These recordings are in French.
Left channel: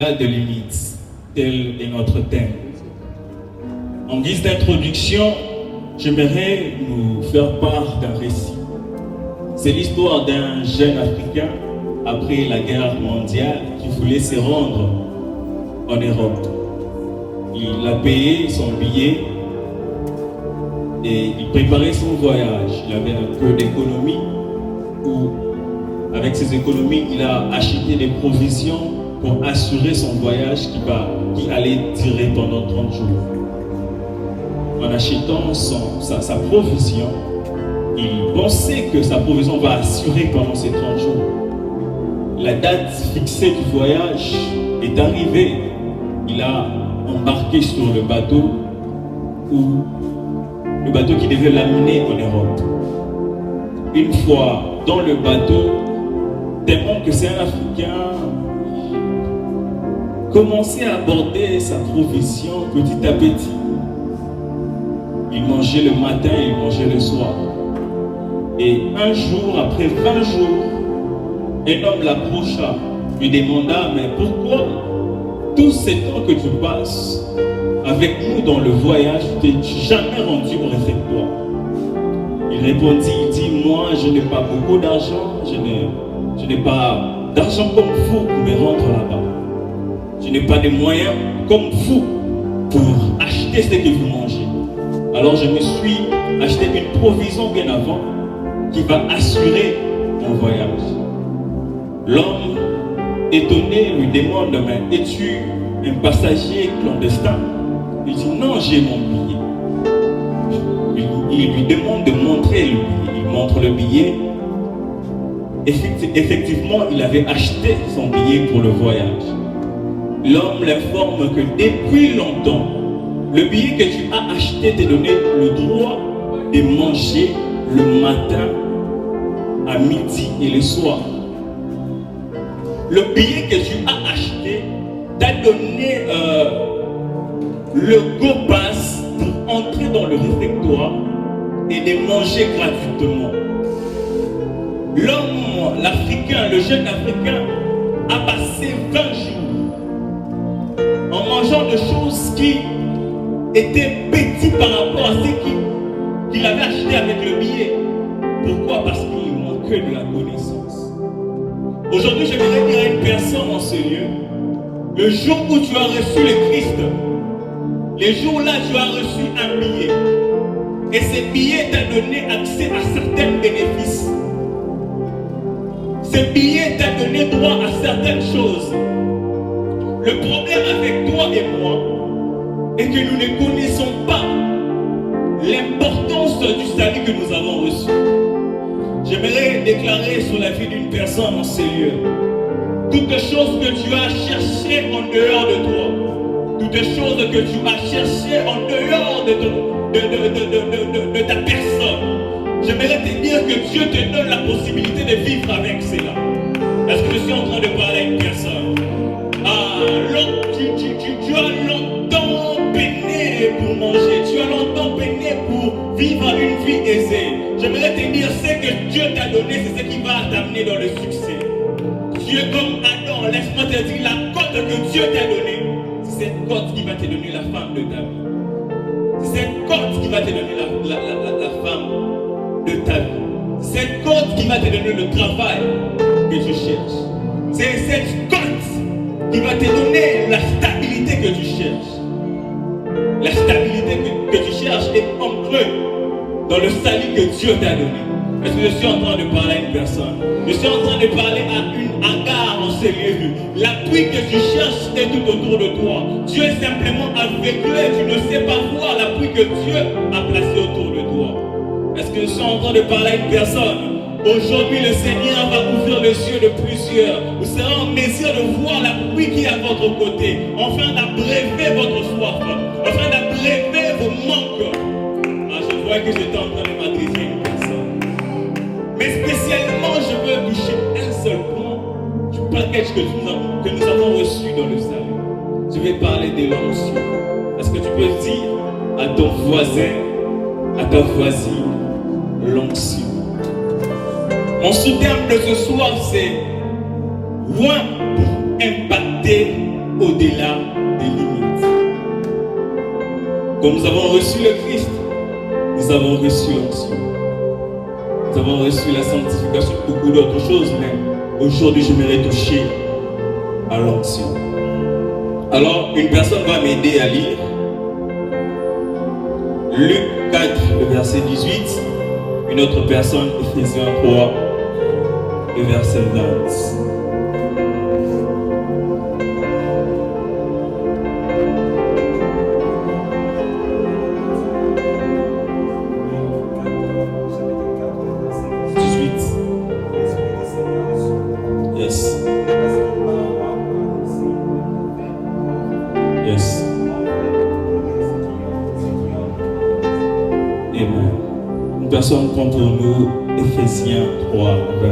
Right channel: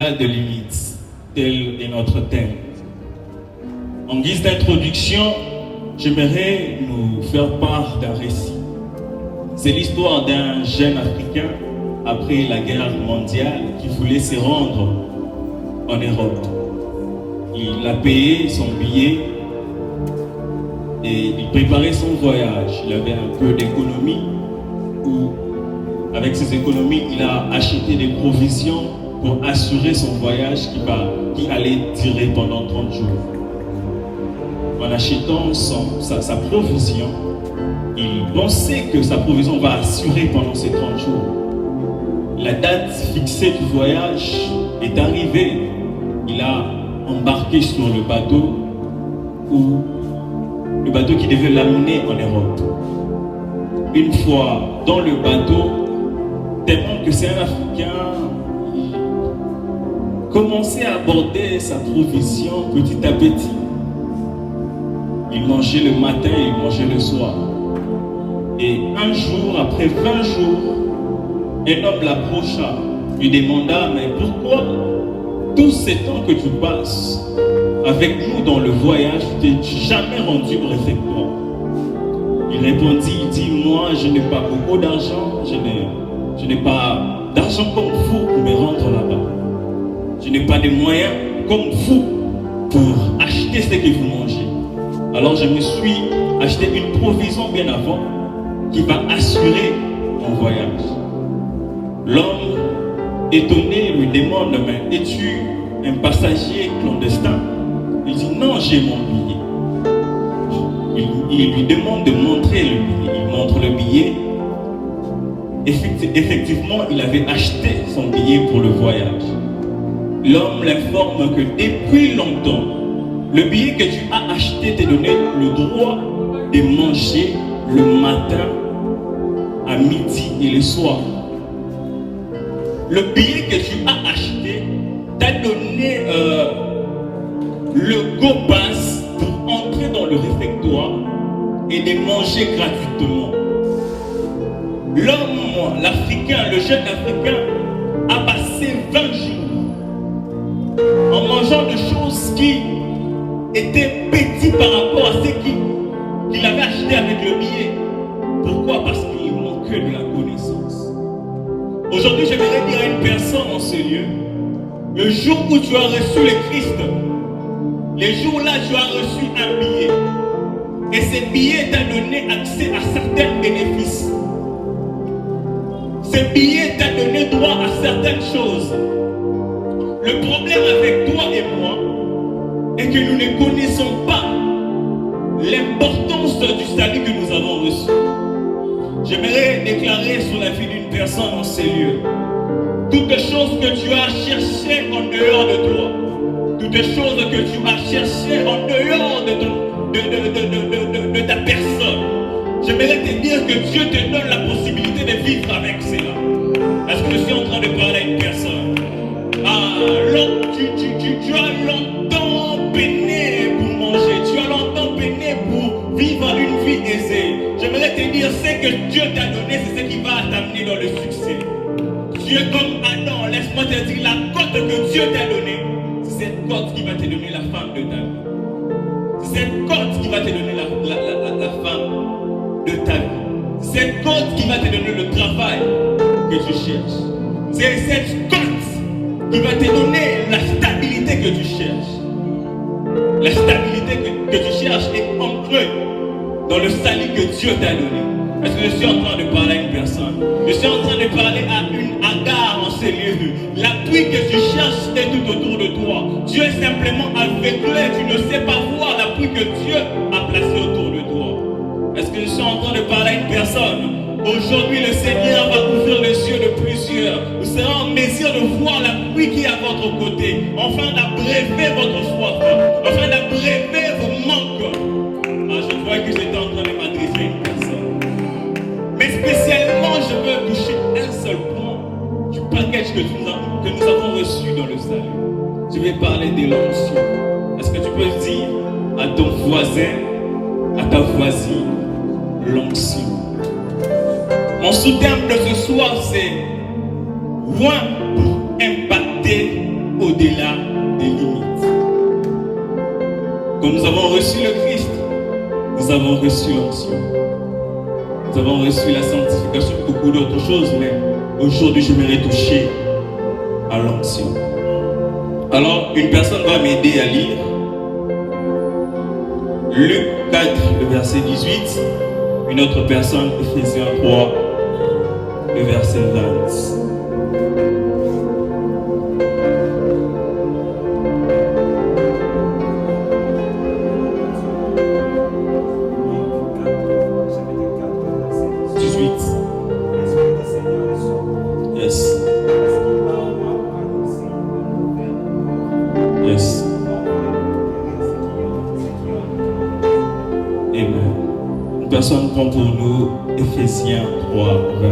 de Lilith, tel est notre thème. En guise d'introduction, j'aimerais nous faire part d'un récit. C'est l'histoire d'un jeune Africain après la guerre mondiale qui voulait se rendre en Europe. Il a payé son billet et il préparait son voyage. Il avait un peu d'économie ou avec ses économies, il a acheté des provisions pour assurer son voyage qui allait durer pendant 30 jours. En achetant sa provision, il pensait que sa provision va assurer pendant ces 30 jours. La date fixée du voyage est arrivée. Il a embarqué sur le bateau qui devait l'amener en Europe. Une fois dans le bateau, tellement que c'est un Africain, il commençait à aborder sa provision petit à petit. Il mangeait le matin et il mangeait le soir. Et un jour, après 20 jours, un homme l'approcha, lui demanda: mais pourquoi tout ce temps que tu passes avec nous dans le voyage, tu t'es jamais rendu au réfectoire? Il répondit, il dit: moi je n'ai pas beaucoup d'argent, je n'ai pas d'argent comme vous pour me rendre là-bas. Je n'ai pas de moyens comme vous pour acheter ce que vous mangez. Alors je me suis acheté une provision bien avant qui va assurer mon voyage. L'homme étonné lui demande: mais es-tu un passager clandestin? Il dit: non, j'ai mon billet. Il lui demande de montrer le billet. Il montre le billet. Effectivement, il avait acheté son billet pour le voyage. L'homme l'informe que depuis longtemps, le billet que tu as acheté te donnait le droit de manger le matin, à midi et le soir. Le billet que tu as acheté t'a donné le go pass pour entrer dans le réfectoire et de manger gratuitement. L'homme, l'Africain, le jeune Africain, a passé 20 jours en mangeant des choses qui étaient petites par rapport à ce qu'il avait acheté avec le billet. Pourquoi? Parce qu'il manquait de la connaissance. Aujourd'hui, j'aimerais dire à une personne en ce lieu: le jour où tu as reçu le Christ, les jours-là, tu as reçu un billet. Et ce billet t'a donné accès à certains bénéfices. Ce billet t'a donné droit à certaines choses. Le problème avec toi et moi est que nous ne connaissons pas l'importance du salut que nous avons reçu. J'aimerais déclarer sur la vie d'une personne en ces lieux: toutes choses que tu as cherchées en dehors de toi, toutes choses que tu as cherchées en dehors de ta personne, j'aimerais te dire que Dieu te donne la possibilité de vivre avec cela. Est-ce que je suis en train de parler à une personne? Tu as longtemps peiné pour manger, tu as longtemps peiné pour vivre une vie aisée. J'aimerais te dire: ce que Dieu t'a donné, c'est ce qui va t'amener dans le succès. Tu es comme Adam, laisse-moi te dire, la cote que Dieu t'a donnée, c'est cette cote qui va te donner la femme de ta vie. C'est cette cote qui va te donner la femme de ta vie. C'est cette cote qui va te donner le travail que tu cherches. C'est cette cote qui va te donner la stabilité que tu cherches. La stabilité que tu cherches est ancrée dans le salut que Dieu t'a donné. Est-ce que je suis en train de parler à une personne? Je suis en train de parler à une Agar en ces lieux. L'appui que tu cherches est tout autour de toi. Tu es simplement aveuglé, tu ne sais pas voir l'appui que Dieu a placé autour de toi. Est-ce que je suis en train de parler à une personne? Aujourd'hui, le Seigneur va ouvrir les yeux de plusieurs. Vous serez en mesure de voir l'appui qui est à votre côté, afin d'abreuver votre soif, afin d'abreuver vos manques. Je vois que j'étais en train de m'adresser à une personne. Mais spécialement, je veux toucher un seul point du package que nous avons reçu dans le salut. Je vais parler de l'onction. Est-ce que tu peux dire à ton voisin, à ta voisine, l'onction? Mon sous-terme de ce soir, c'est loin pour impacter au-delà des limites. Comme nous avons reçu le Christ, nous avons reçu l'onction. Nous avons reçu la sanctification, beaucoup d'autres choses, mais aujourd'hui, je m'aimerais toucher à l'onction. Alors, une personne va m'aider à lire Luc 4, le verset 18. Une autre personne, Ephésiens 3, le verset 20. Yes. Amen. Une personne prend pour nous Ephésiens 3, 20.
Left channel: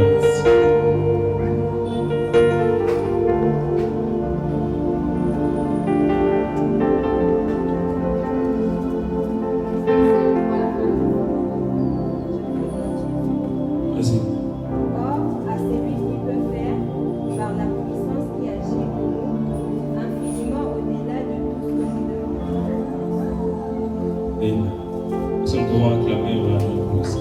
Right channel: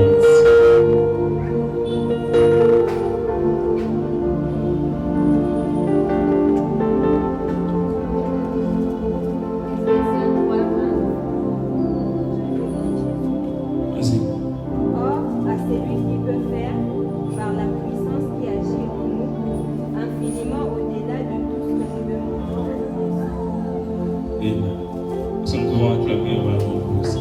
Vas-y. Or, à celui qui peut faire, par la puissance qui agit en nous, infiniment au-delà de tout ce que nous demandons. Amen. Nous pouvons acclamer vraiment pour ça.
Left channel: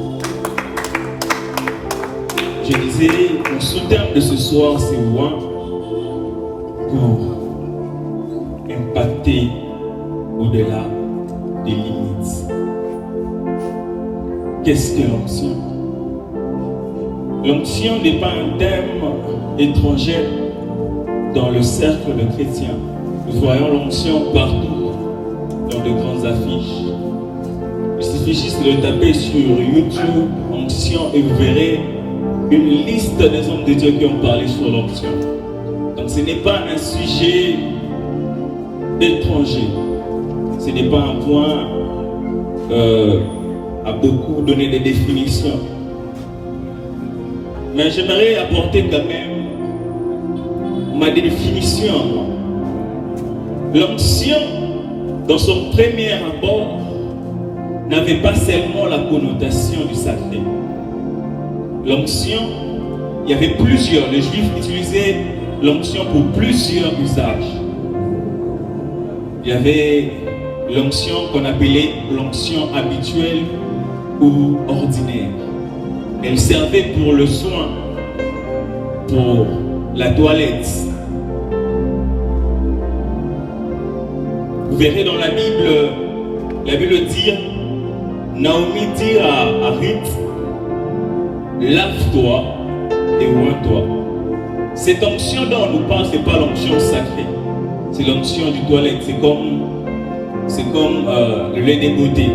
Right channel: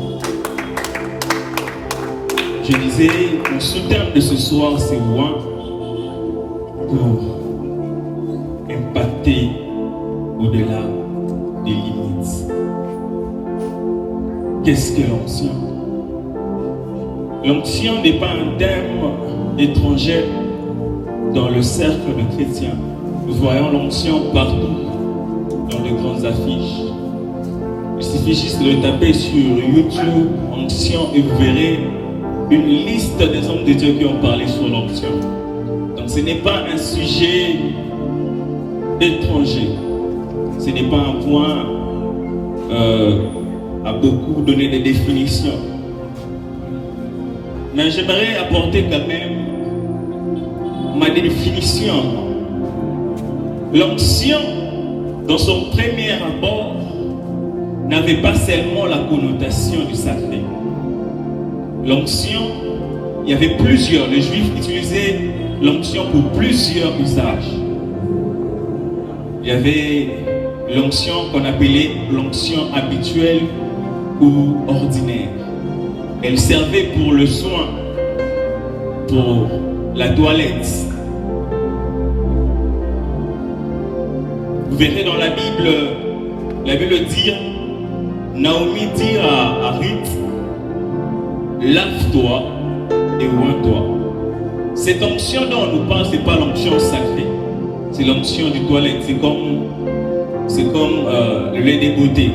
Je disais, mon sous-terme de ce soir, c'est loin pour impacter au-delà des limites. Qu'est-ce que l'onction? L'onction n'est pas un thème étranger dans le cercle de chrétiens. Nous voyons l'onction partout, dans de grandes affiches. Il suffit juste de le taper sur YouTube, onction, et vous verrez une liste des hommes de Dieu qui ont parlé sur l'onction. Donc ce n'est pas un sujet étranger. Ce n'est pas un point à beaucoup donner des définitions. Mais j'aimerais apporter quand même ma définition. L'onction, dans son premier abord, n'avait pas seulement la connotation du sacré. L'onction, il y avait plusieurs. Les Juifs utilisaient l'onction pour plusieurs usages. Il y avait l'onction qu'on appelait l'onction habituelle ou ordinaire. Elle servait pour le soin, pour la toilette. Vous verrez dans la Bible dit, Naomi dit à Ruth, lave-toi et oins-toi. Cette onction dont on nous parle, ce n'est pas l'onction sacrée, c'est l'onction du toilette. C'est comme le lait des beautés.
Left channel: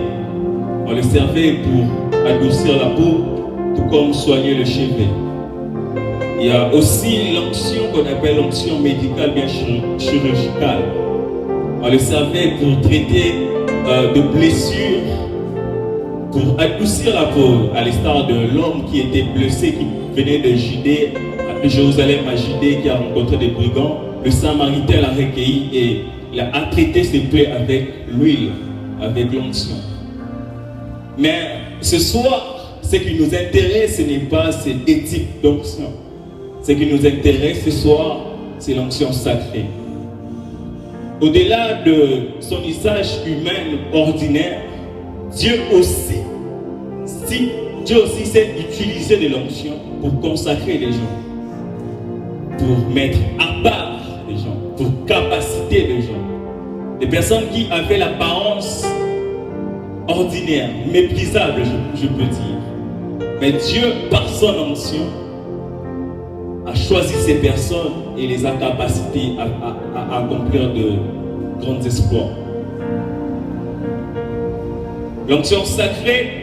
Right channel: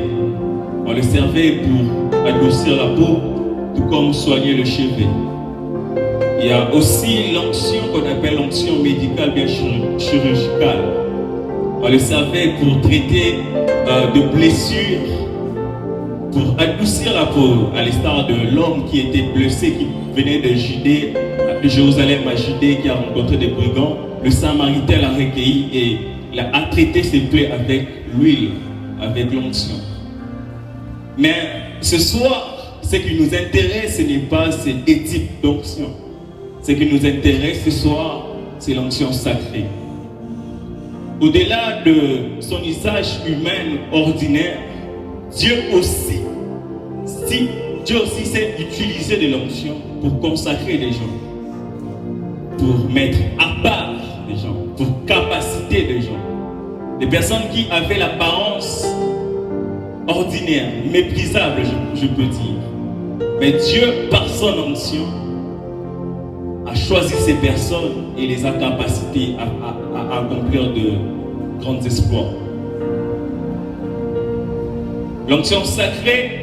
On le servait pour adoucir la peau, tout comme soigner le chevet. Il y a aussi l'onction qu'on appelle l'onction médicale, bien chirurgicale. On le servait pour traiter de blessures, pour adoucir la peau, à l'instar de l'homme qui était blessé, qui venait de Judée, de Jérusalem à Judée, qui a rencontré des brigands. Le Samaritain l'a recueilli et il a traité ses plaies avec l'huile, avec l'onction. Mais ce soir, ce qui nous intéresse, ce n'est pas cette éthique d'onction. Ce qui nous intéresse ce soir, c'est l'onction sacrée. Au-delà de son usage humain ordinaire, Dieu aussi sait utiliser de l'onction pour consacrer les gens, pour mettre à part les gens, pour capaciter les gens. Des personnes qui avaient l'apparence ordinaire, méprisable, je peux dire. Mais Dieu, par son onction, a choisi ces personnes et les a capacités à accomplir de grands exploits. L'onction sacrée,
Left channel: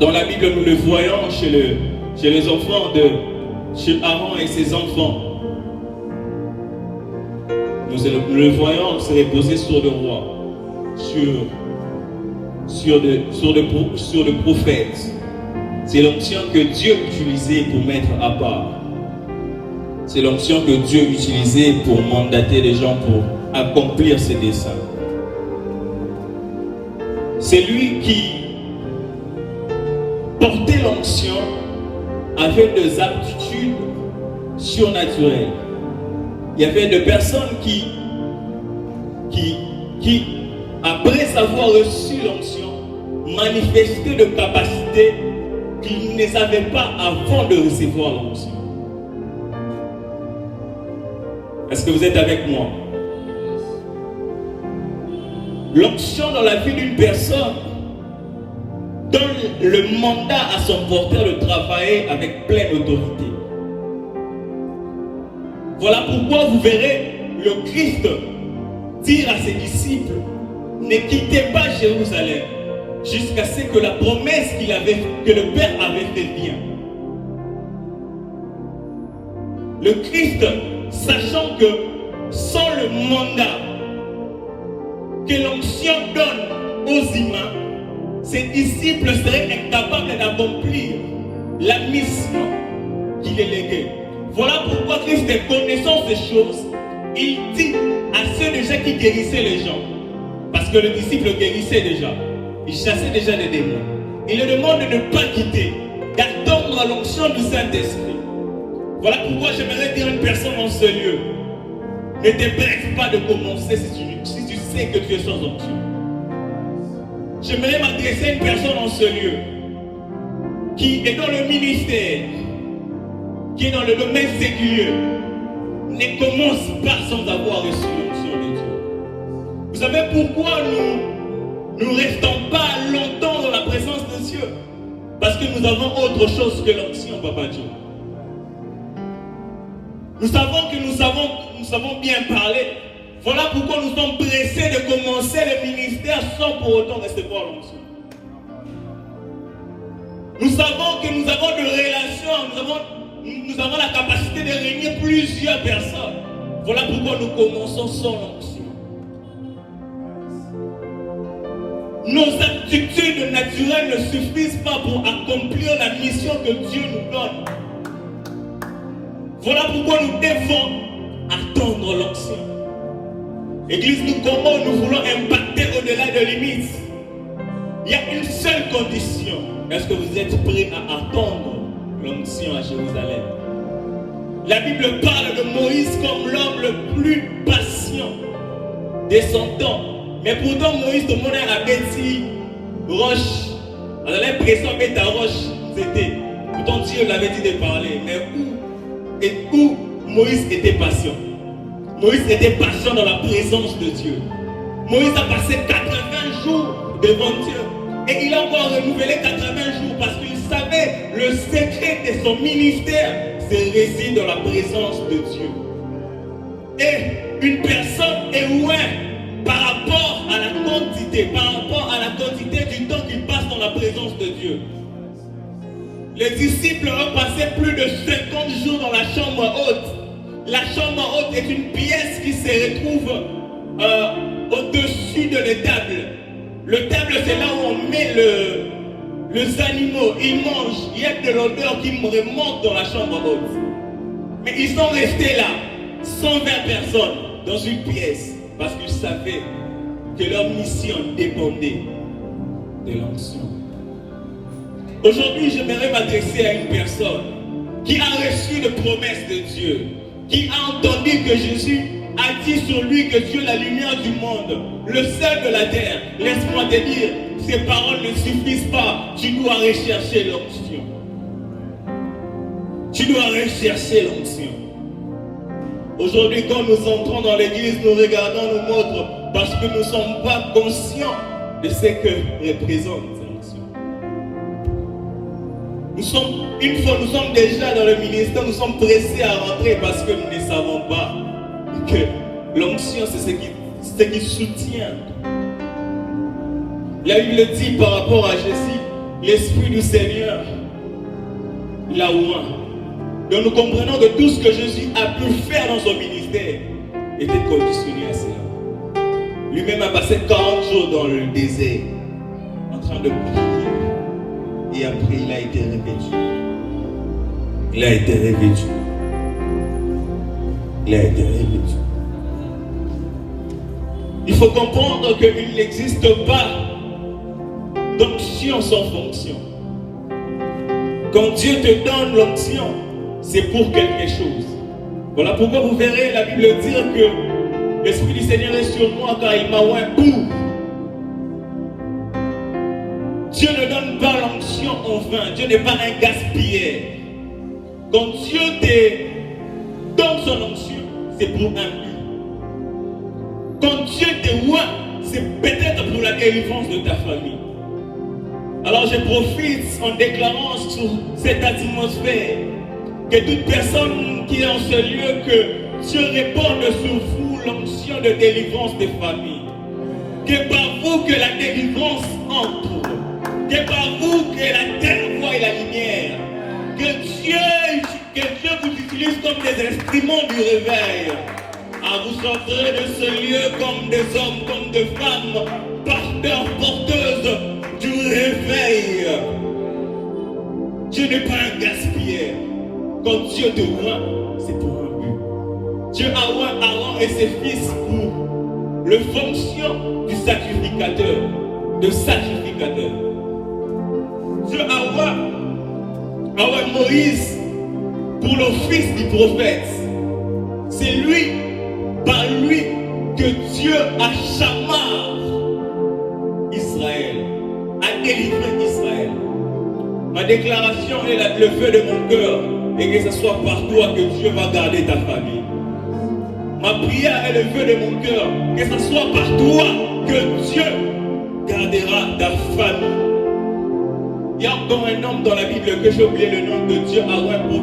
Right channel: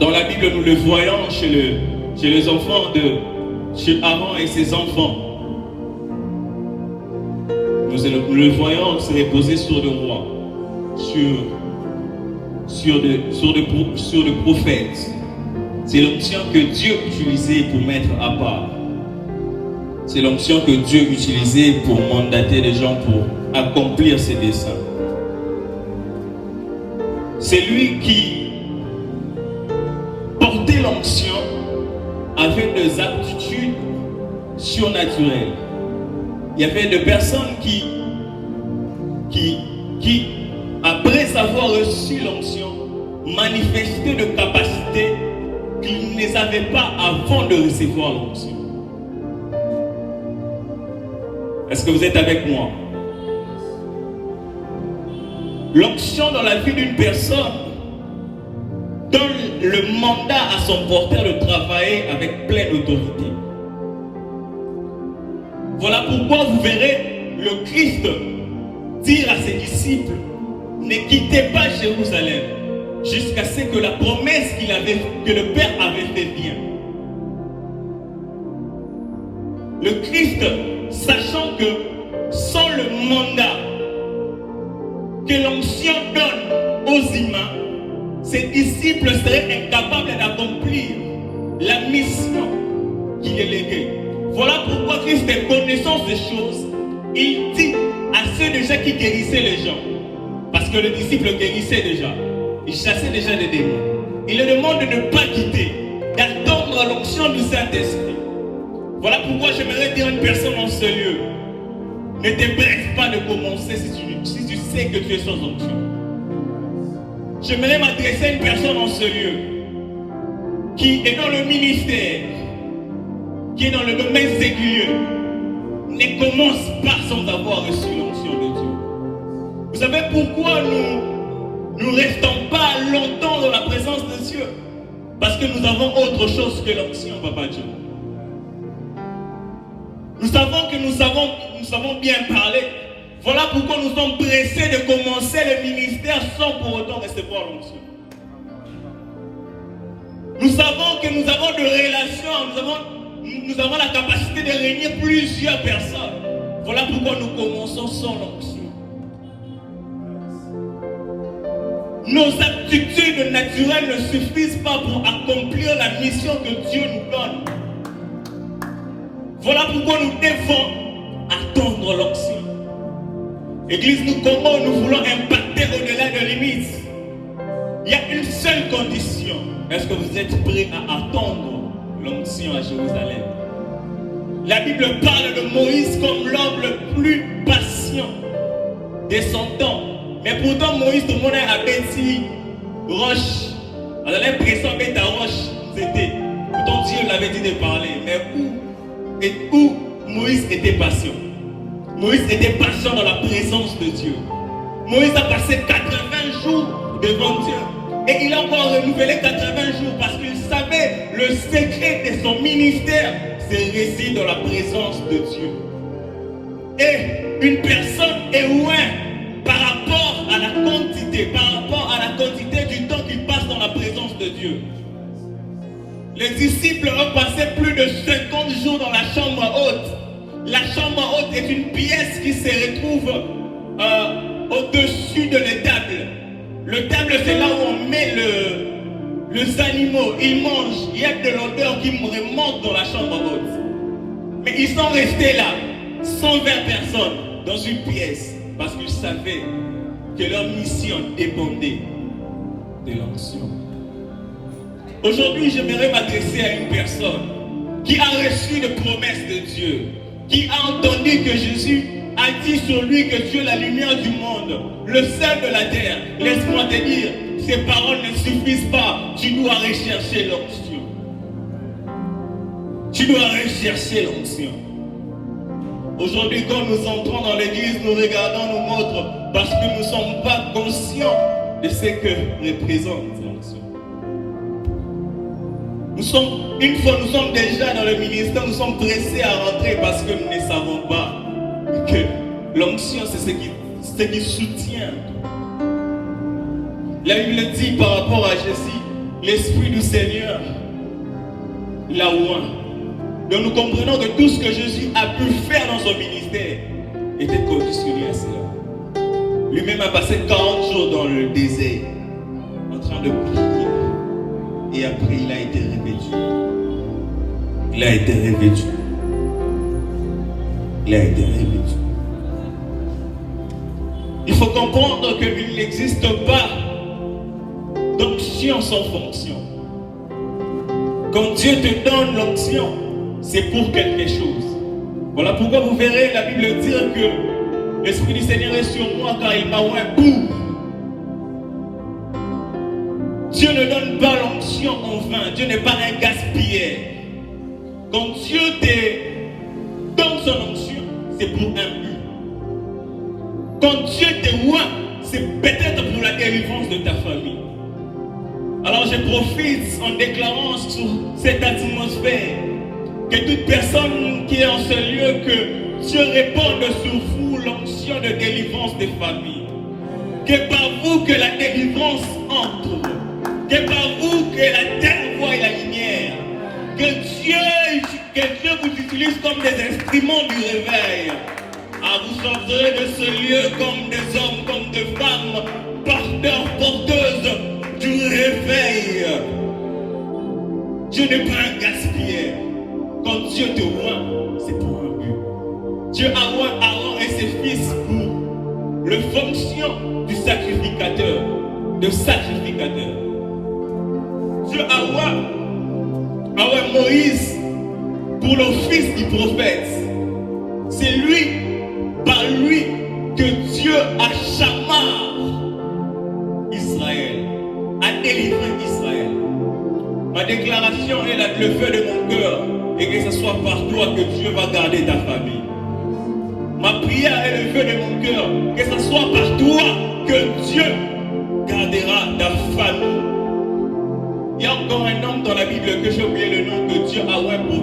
dans la Bible, nous le voyons chez les enfants chez Aaron et ses enfants. Nous le voyons se reposer sur le roi, sur le prophète. C'est l'onction que Dieu utilisait pour mettre à part. C'est l'onction que Dieu utilisait pour mandater les gens pour accomplir ses desseins. C'est lui qui portait l'onction avec des aptitudes surnaturelles. Il y avait des personnes qui après avoir reçu l'onction, manifestaient de capacités qu'ils ne savaient pas avant de recevoir l'onction. Est-ce que vous êtes avec moi? L'onction dans la vie d'une personne donne le mandat à son porteur de travailler avec pleine autorité. Voilà pourquoi vous verrez le Christ dire à ses disciples: ne quittez pas Jérusalem jusqu'à ce que la promesse que le Père avait fait vienne. Le Christ, sachant que sans le mandat que l'onction donne aux humains, ses disciples seraient incapables d'accomplir la mission qu'il est léguée. Voilà pourquoi Christ, connaissant ces choses, il dit à ceux déjà qui guérissaient les gens, parce que le disciple guérissait déjà, il chassait déjà les démons, il leur demande de ne pas quitter, d'attendre l'onction du Saint-Esprit. Voilà pourquoi j'aimerais dire à une personne en ce lieu: ne te presse pas de commencer si tu sais que tu es sans onction. J'aimerais m'adresser à une personne en ce lieu qui est dans le ministère, qui est dans le domaine séculier. Ne commence pas sans avoir reçu l'onction de Dieu. Vous savez pourquoi nous ne restons pas longtemps dans la présence de Dieu? Parce que nous avons autre chose que l'onction, Papa Dieu. Nous savons que nous savons bien parler. Voilà pourquoi nous sommes pressés de commencer le ministère sans pour autant recevoir l'onction. Nous savons que nous avons de relations, nous avons la capacité de réunir plusieurs personnes. Voilà pourquoi nous commençons sans l'onction. Nos aptitudes naturelles ne suffisent pas pour accomplir la mission que Dieu nous donne. Voilà pourquoi nous devons attendre l'onction. Église, nous voulons impacter au-delà de limites. Il y a une seule condition. Est-ce que vous êtes prêts à attendre l'onction à Jérusalem? La Bible parle de Moïse comme l'homme le plus patient de son temps. Mais pourtant, Moïse, tout le monde a bâti roche. On a l'impression que ta roche, c'était. Pourtant, Dieu l'avait dit de parler. Mais où Moïse était patient? Moïse était patient dans la présence de Dieu. Moïse a passé 80 jours devant Dieu. Et il a encore renouvelé 80 jours parce qu'il savait le secret de son ministère, c'est résider dans la présence de Dieu. Et une personne est loin par rapport à la quantité du temps qu'il passe dans la présence de Dieu. Les disciples ont passé plus de 50 jours dans la chambre haute. La chambre haute est une pièce qui se retrouve au-dessus de l'étable. Le table, c'est là où on met les animaux. Ils mangent. Il y a de l'odeur qui remonte dans la chambre haute. Mais ils sont restés là, 120 personnes, dans une pièce, parce qu'ils savaient que leur mission dépendait de l'onction. Aujourd'hui, j'aimerais m'adresser à une personne qui a reçu les promesses de Dieu, qui a entendu que Jésus a dit sur lui que Dieu est la lumière du monde, le sel de la terre. Laisse-moi te dire, ces paroles ne suffisent pas. Tu dois rechercher l'onction. Tu dois rechercher l'onction. Aujourd'hui, quand nous entrons dans l'église, nous regardons nos montres parce que nous ne sommes pas conscients de ce que représente l'onction. Une fois nous sommes déjà dans le ministère, nous sommes pressés à rentrer parce que nous ne savons pas que l'onction, c'est ce qui soutient. La Bible dit par rapport à Jésus, l'Esprit du Seigneur l'a oint. Donc nous comprenons que tout ce que Jésus a pu faire dans son ministère était conditionné à cela. Lui-même a passé 40 jours dans le désert en train de prier. Et après, il a été revêtu. Il a été revêtu. Il a été revêtu. Il faut comprendre qu'il n'existe pas d'onction sans fonction. Quand Dieu te donne l'onction, c'est pour quelque chose. Voilà pourquoi vous verrez la Bible dire que l'Esprit du Seigneur est sur moi car il m'a oint pour. Dieu ne donne pas l'onction en vain. Dieu n'est pas un gaspilleur. Quand Dieu te donne son onction, c'est pour un but. Quand Dieu te oint, c'est peut-être pour la délivrance de ta famille. Alors je profite en déclarant sur cette atmosphère que toute personne qui est en ce lieu, que Dieu réponde sur vous l'onction de délivrance des familles. Que par vous que la délivrance entre. Que par vous que la terre voie la lumière. Que Dieu vous utilise comme des instruments du réveil. Vous sortirez de ce lieu comme des hommes, comme des femmes, porteurs, porteuses du réveil. Dieu n'est pas un gaspilleur. Quand Dieu te oint, c'est pour un but. Dieu a oint Aaron et ses fils pour le fonction du sacrificateur. De sacrificateur. Dieu a oint Moïse pour l'office du prophète. C'est lui, par lui, que Dieu a chamé Israël, a délivré Israël. Ma déclaration est le feu de mon cœur, et que ce soit par toi que Dieu va garder ta famille. Ma prière est le feu de mon cœur, que ce soit par toi que Dieu gardera ta famille. Il y a encore un homme dans la Bible que j'ai oublié le nom, que Dieu a oint pour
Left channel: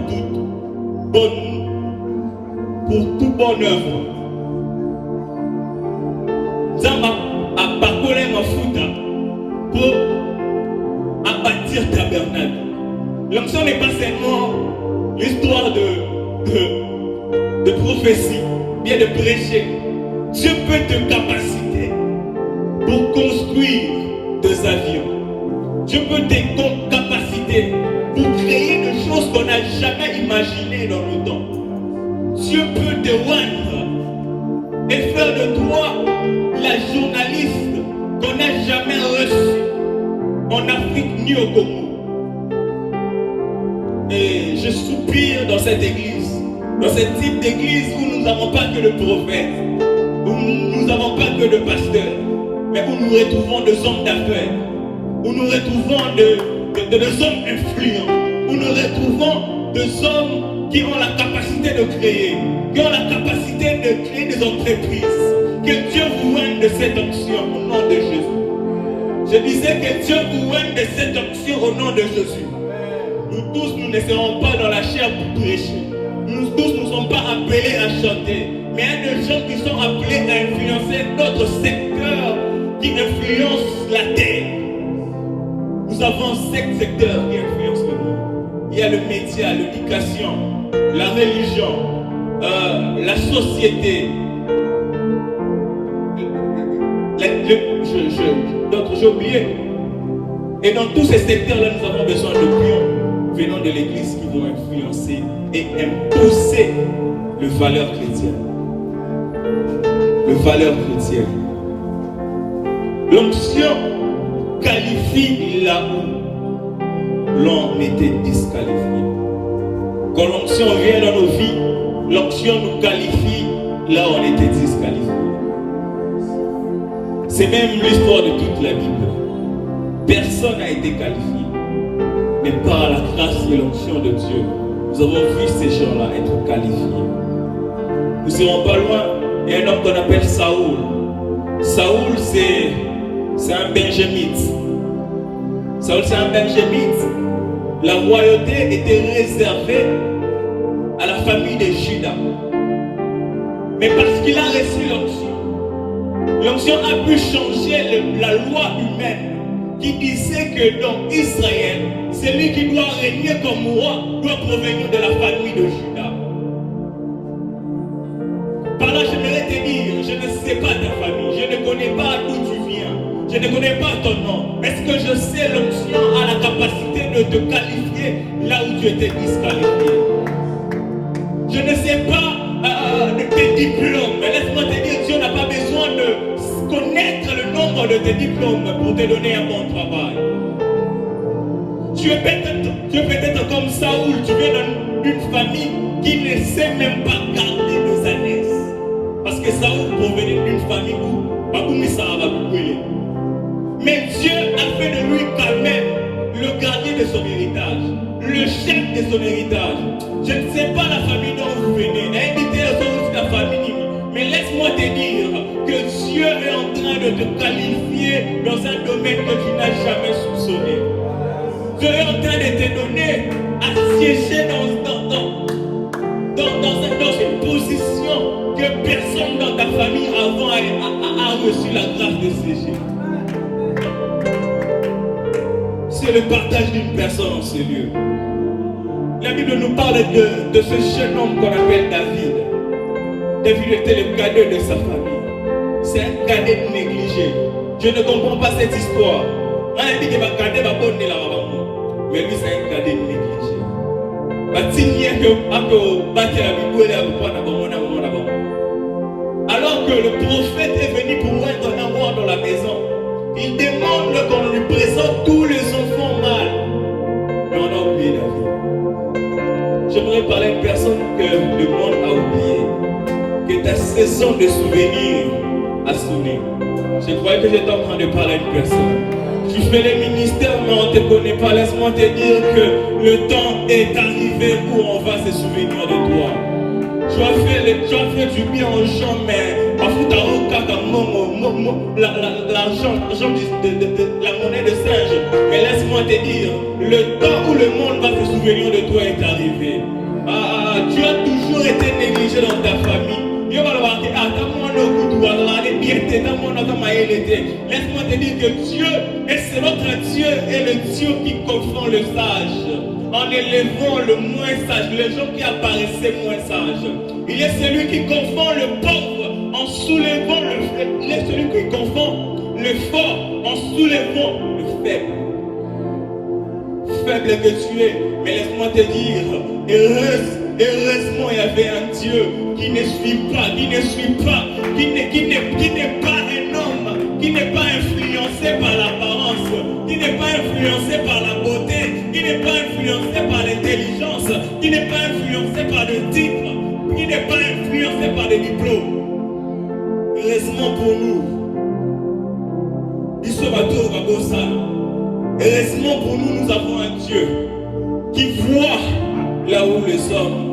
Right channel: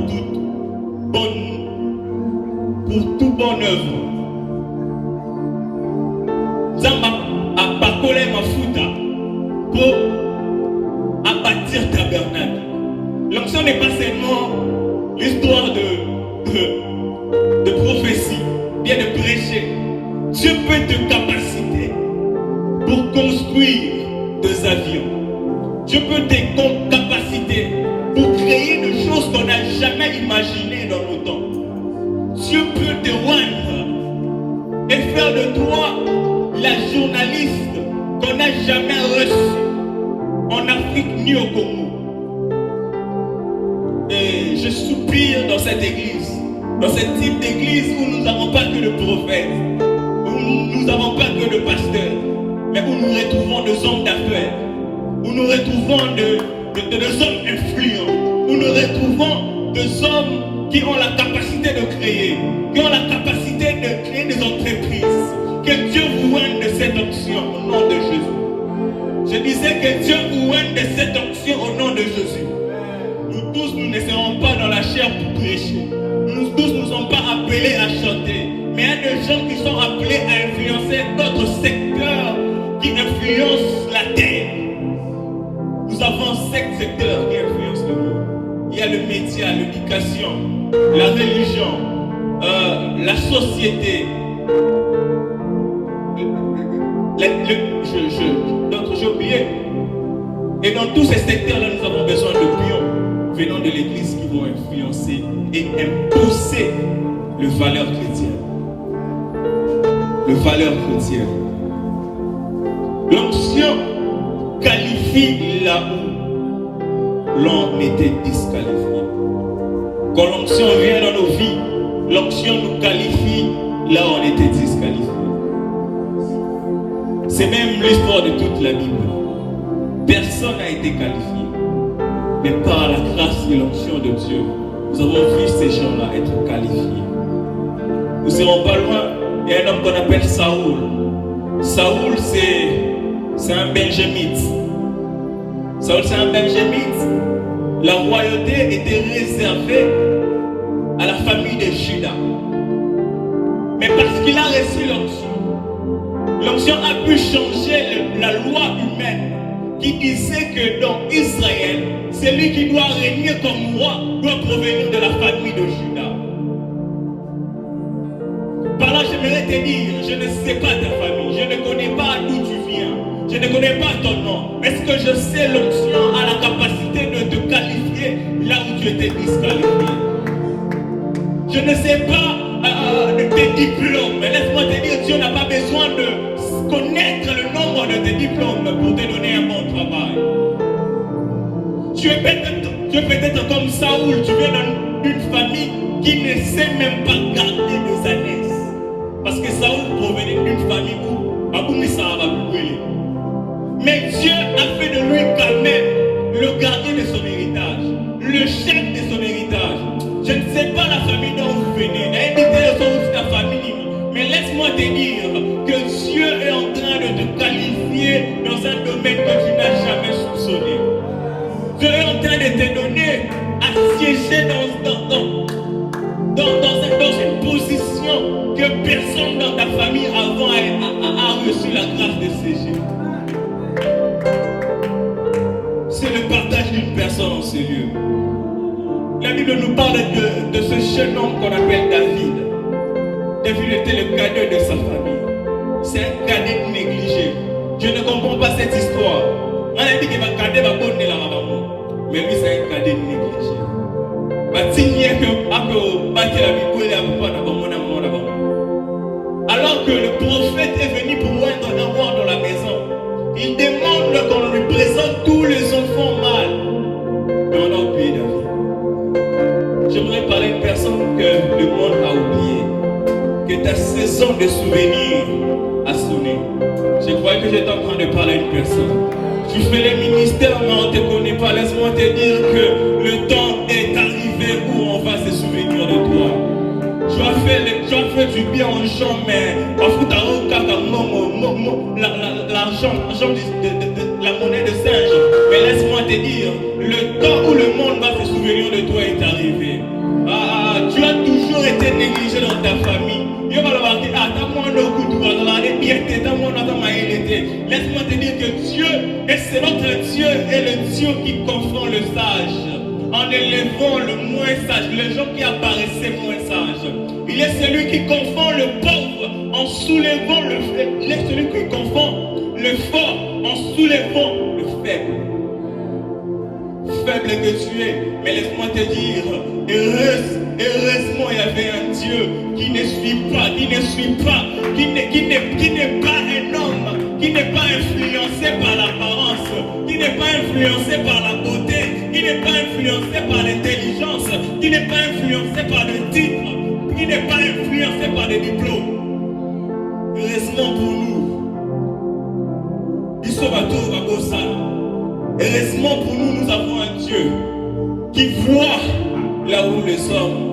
toute bonne œuvre. Zamba a parcouru ma fouta pour bâtir tabernacle. L'onction n'est pas seulement l'histoire de prophétie, bien de prêcher. Dieu peut te capaciter pour construire des avions. Dieu peut te capaciter pour créer des choses qu'on n'a jamais imaginées dans nos temps. Dieu peut te oindre et faire de toi la journaliste qu'on n'a jamais reçue en Afrique ni au Congo. Et je soupire dans cette église, dans ce type d'église où nous n'avons pas que de prophètes, où nous n'avons pas que de pasteurs, mais où nous retrouvons des hommes d'affaires, où nous retrouvons des hommes influents, où nous retrouvons des hommes qui ont la capacité de créer, qui ont la capacité de créer des entreprises. Que Dieu vous oigne de cette onction au nom de Jésus. Je disais que Dieu vous oigne de cette onction au nom de Jésus. Nous tous, nous ne serons pas dans la chair pour prêcher. Nous tous ne sommes pas appelés à chanter. Mais il y a des gens qui sont appelés à influencer d'autres secteurs qui influencent la terre. Nous avons 5 secteurs qui influencent le monde. Il y a le média, l'éducation, la religion, la société. D'autres, j'ai oublié. Et dans tous ces secteurs-là, nous avons besoin de pions venant de l'église qui vont influencer et imposer les valeurs chrétiennes. Les valeurs chrétiennes. L'onction qualifie là où l'on était disqualifié. Quand l'onction vient dans nos vies, l'onction nous qualifie là où on était disqualifié. C'est même l'histoire de toute la Bible. Personne n'a été qualifié. Mais par la grâce et l'onction de Dieu, nous avons vu ces gens-là être qualifiés. Nous ne serons pas loin. Il y a un homme qu'on appelle Saoul. Saoul, c'est un benjamite. Saoul, c'est un benjamite. La royauté était réservée à la famille de Juda. Mais parce qu'il a reçu l'onction a pu changer la loi humaine qui disait que dans Israël, celui qui doit régner comme roi doit provenir de la famille de Juda. Par là, j'aimerais te dire, je ne sais pas ta famille, je ne connais pas d'où tu viens, je ne connais pas ton nom. Est-ce que je sais l'onction a la capacité de te qualifier là où tu étais disqualifié? Je ne sais pas de tes diplômes, mais laisse-moi te dire, Dieu n'a pas besoin de connaître le nombre de tes diplômes pour te donner un bon travail. Tu es peut-être comme Saoul, tu viens d'une famille qui ne sait même pas garder des ânesses. Parce que Saoul provenait d'une famille où mais Dieu a fait de lui quand même le gardien de son héritage, le chef de son héritage. Je ne sais pas la famille dont vous venez, ta famille, mais laisse-moi te dire que Dieu est en train de te qualifier dans un domaine que tu n'as jamais soupçonné. Dieu est en train de te donner à siéger dans une position que personne dans ta famille avant a reçu la grâce de siéger. C'est le partage d'une personne en ces lieux. La Bible nous parle de ce jeune homme qu'on appelle David. David était le cadet de sa famille. C'est un cadet négligé. Je ne comprends pas cette histoire. On a dit qu'il va cadet va bonne la maman. Mais lui c'est un cadet négligé. Alors que le prophète est venu pour moindre un avoir dans la maison, il demande qu'on lui présente tous les enfants mâles. Mais on a oublié David. J'aimerais parler à une personne que le monde a oublié, que ta saison de souvenirs a sonné. Je croyais que j'étais en train de parler à une personne. Tu fais les ministères, mais on ne te connaît pas. Laisse-moi te dire que le temps est arrivé où on va se souvenir de toi. Tu as fait du bien aux gens, mais en fout l'argent de la monnaie de singe. Mais laisse-moi te dire, le temps où le monde va se souvenir de toi est arrivé. Tu as toujours été négligé dans ta famille. Laisse-moi te dire que Dieu, et c'est notre Dieu, est le Dieu qui confond le sage. En élevant le moins sage, les gens qui apparaissaient moins sages. Il est celui qui confond le pauvre en soulevant le faible. Il est celui qui confond le fort en soulevant le faible. Faible que tu es, mais laisse-moi te dire, heureusement il y avait un Dieu qui ne suit pas, qui n'est pas un homme, qui n'est pas influencé par l'apparence, qui n'est pas influencé par la beauté, qui n'est pas influencé par l'intelligence, qui n'est pas influencé par le titre, qui n'est pas influencé par les diplômes. Heureusement pour nous, heureusement pour nous, nous avons un Dieu qui voit là où les hommes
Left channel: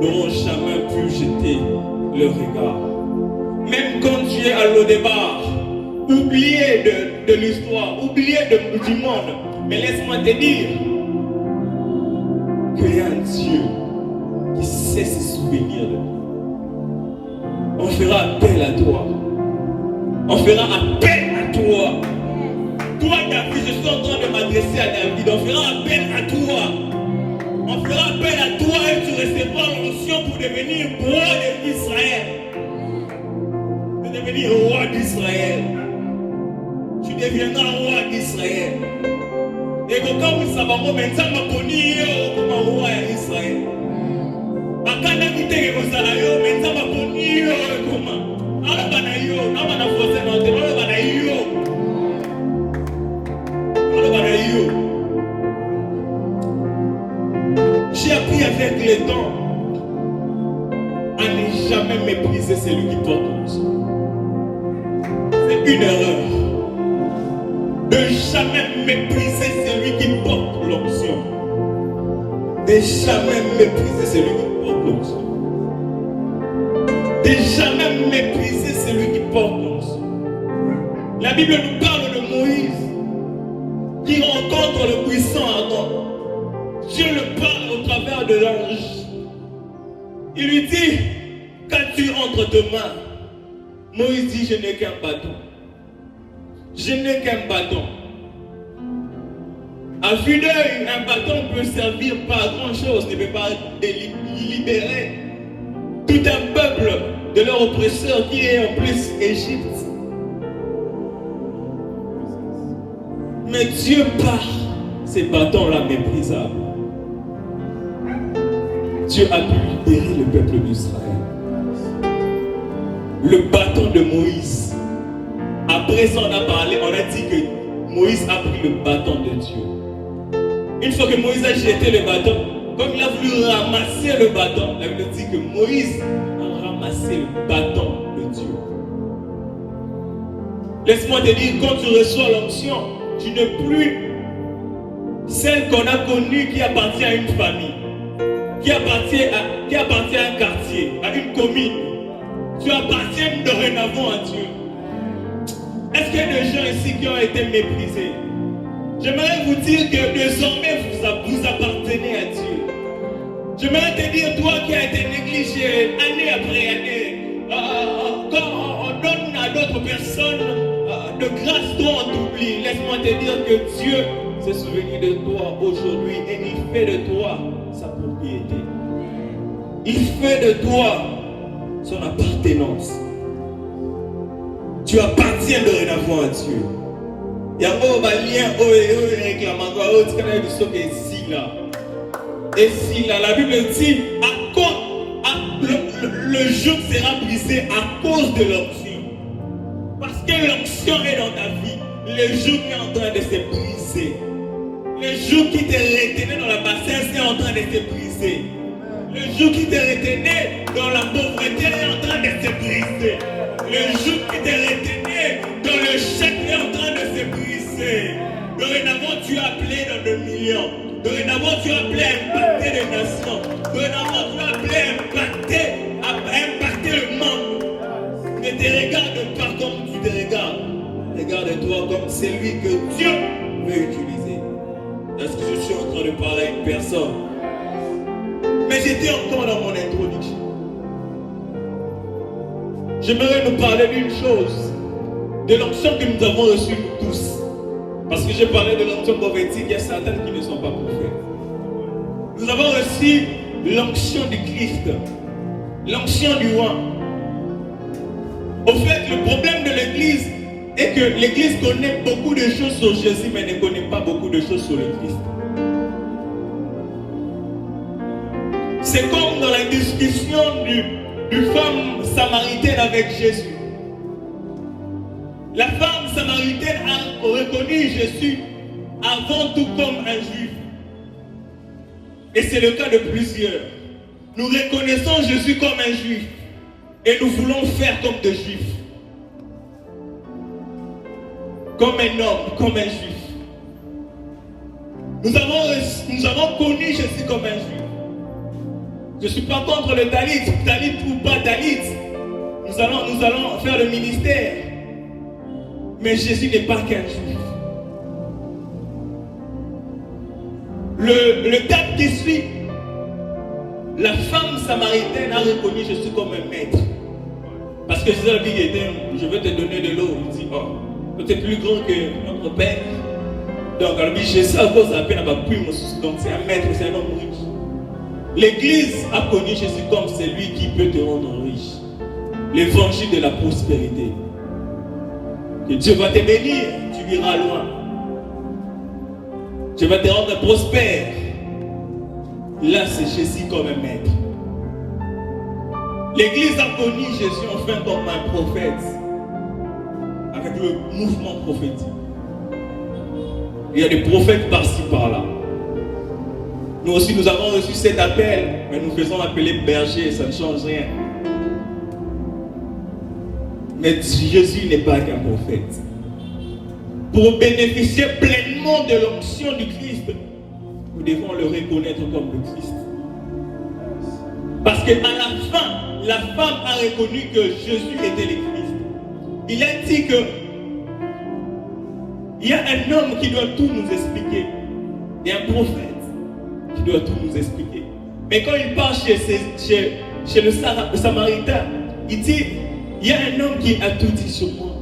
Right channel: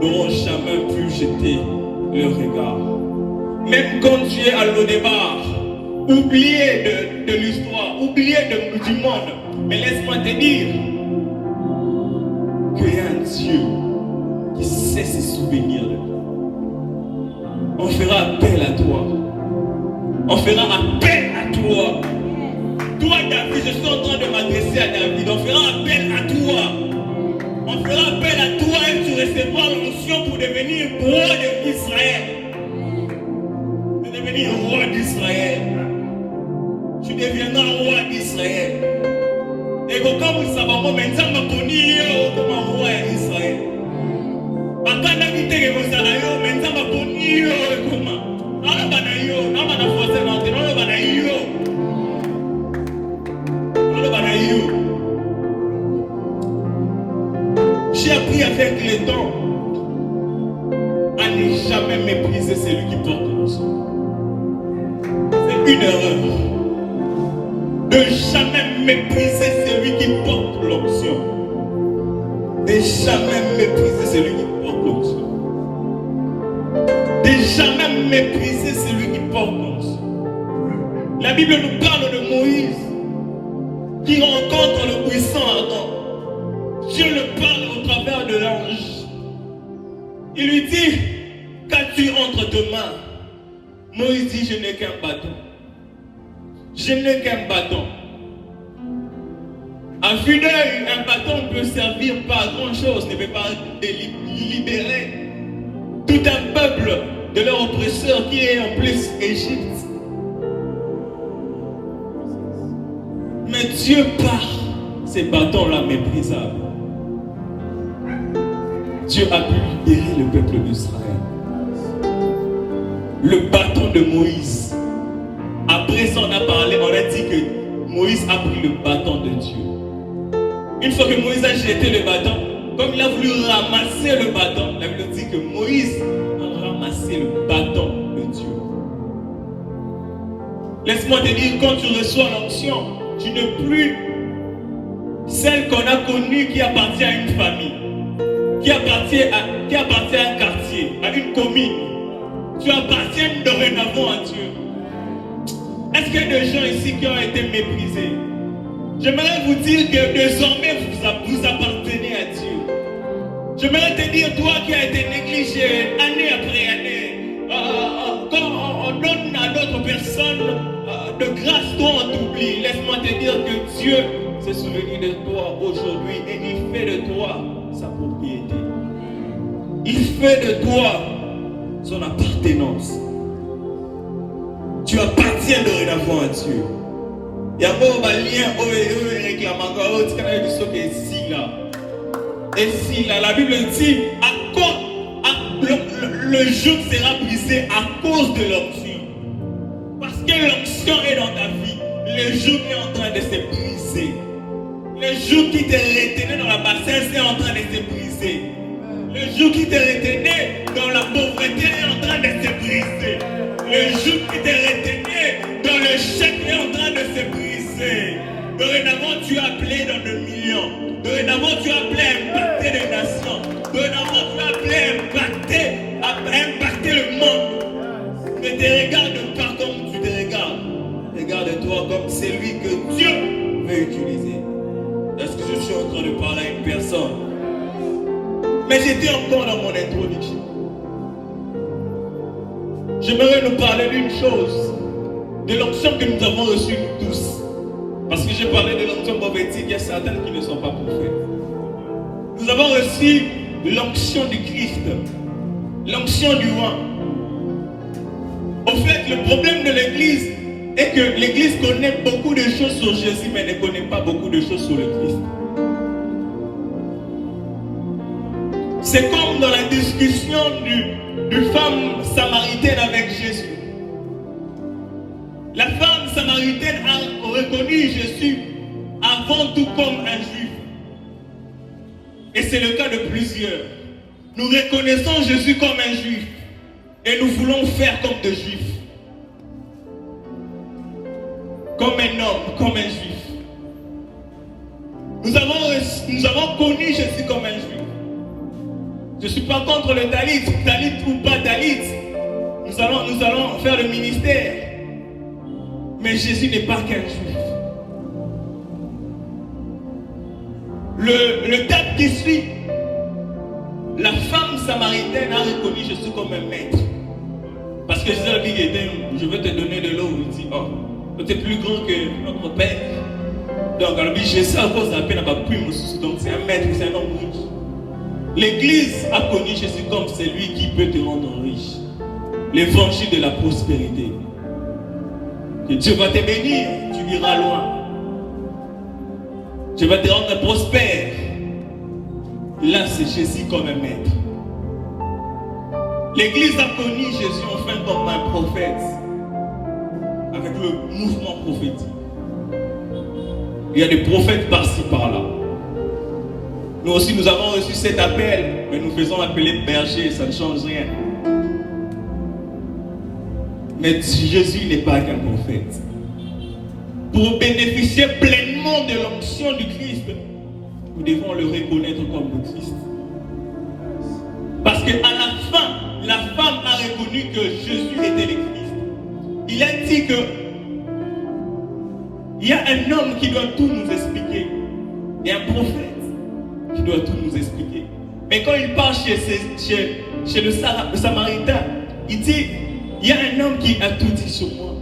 n'auront jamais pu jeter leur regard. Même quand tu es à l'au-départ, oublié de l'histoire, oublié du monde, mais laisse-moi te dire qu'il y a un Dieu qui sait se souvenir de toi. On fera appel à toi. On fera appel à toi. Toi, David, je suis en train de m'adresser à David. On fera appel à toi. On fera appel à toi et tu recevras l'onction pour devenir roi d'Israël. De devenir roi d'Israël. Tu deviendras roi d'Israël. Et quand vous savez, maintenant, je vais comme roi d'Israël. Akana kitege kosalayo, maintenant, je vais comme alors banayo, non bana forcer non, non banayo. Alors banayo. J'ai appris avec le temps à ne jamais mépriser celui qui porte l'onction. C'est une erreur de jamais mépriser celui qui porte l'onction. De jamais mépriser celui qui porte l'onction. De jamais mépriser celui qui porte l'onction. La Bible nous parle de Moïse qui rencontre le puissant Adam. Dieu le parle au travers de l'ange. Il lui dit, qu'as-tu entre tes mains? Moïse dit, je n'ai qu'un bâton. Je n'ai qu'un bâton. À vue d'œil, un bâton peut servir pas à grand chose, ne peut pas libérer tout un peuple de leur oppresseur qui est en plus Égypte. Mais Dieu par ces bâtons-là méprisables, Dieu a pu libérer le peuple d'Israël. Le bâton de Moïse. Après ça, on a parlé, on a dit que Moïse a pris le bâton de Dieu. Une fois que Moïse a jeté le bâton, comme il a voulu ramasser le bâton, la Bible dit que Moïse a ramassé le bâton de Dieu. Laisse-moi te dire, quand tu reçois l'onction, tu n'es plus celle qu'on a connue qui appartient à une famille, qui appartient à un quartier, à une commune. Tu appartiens dorénavant à Dieu. Est-ce qu'il y a des gens ici qui ont été méprisés? J'aimerais vous dire que désormais vous appartenez à Dieu. J'aimerais te dire, toi qui as été négligé année après année, quand on donne à d'autres personnes de grâce, toi on t'oublie. Laisse-moi te dire que Dieu s'est souvenu de toi aujourd'hui et il fait de toi sa propriété. Il fait de toi son appartenance. Tu appartiens dorénavant à Dieu. Il y a un lien où il réclame encore et si là, la Bible dit le joug sera brisé à cause de l'onction. Parce que l'onction est dans ta vie, le joug est en train de se briser. Le joug qui te retenait dans la bassesse est en train de se briser. Le joug qui te retenait dans la pauvreté est en train de se briser. Le joug qui te retenait dans le chèque est en train de se briser. Dorénavant, tu es appelé dans le million. Dorénavant, tu es appelé à impacter les nations. Dorénavant, tu es appelé à impacter le monde. Ne te regarde pas comme tu te regardes. Regarde-toi comme celui que Dieu veut utiliser. Est-ce que je suis en train de parler à une personne? Mais j'étais encore dans mon introduction. J'aimerais nous parler d'une chose, de l'onction que nous avons reçue tous. Parce que j'ai parlé de l'onction prophétique, il y a certains qui ne sont pas prophètes. Nous avons reçu l'onction du Christ, l'onction du roi. Au fait, le problème de l'Église est que l'Église connaît beaucoup de choses sur Jésus, mais ne connaît pas beaucoup de choses sur le Christ. C'est comme dans la discussion du femme samaritaine avec Jésus. La femme samaritaine a reconnu Jésus avant tout comme un juif. Et c'est le cas de plusieurs. Nous reconnaissons Jésus comme un juif et nous voulons faire comme des juifs. Comme un homme, comme un juif. Nous avons connu Jésus comme un juif. Je ne suis pas contre le talit ou pas talit. Nous allons faire le ministère. Mais Jésus n'est pas qu'un juif. Le texte qui suit, la femme samaritaine a reconnu Jésus comme un maître. Parce que Jésus a dit, je vais te donner de l'eau. Il dit, oh, tu es plus grand que notre père. Donc, alors, Jésus, à cause de la peine, n'a pas pu me soucier. Donc, c'est un maître, c'est un homme riche. L'Église a connu Jésus comme celui qui peut te rendre riche. L'évangile de la prospérité. Que Dieu va te bénir, tu iras loin. Dieu va te rendre prospère. Là, c'est Jésus comme un maître. L'Église a connu Jésus enfin comme un prophète. Avec le mouvement prophétique. Il y a des prophètes par-ci, par-là. Nous aussi, nous avons reçu cet appel, mais nous faisons appeler berger, ça ne change rien. Mais Jésus n'est pas qu'un prophète. Pour bénéficier pleinement de l'onction du Christ, nous devons le reconnaître comme le Christ. Parce qu'à la fin, la femme a reconnu que Jésus était le Christ. Il a dit que il y a un homme qui doit tout nous expliquer. Il y a un prophète qui doit tout nous expliquer. Mais quand il part chez le Samaritain, il dit, il y a un homme qui a tout dit sur moi.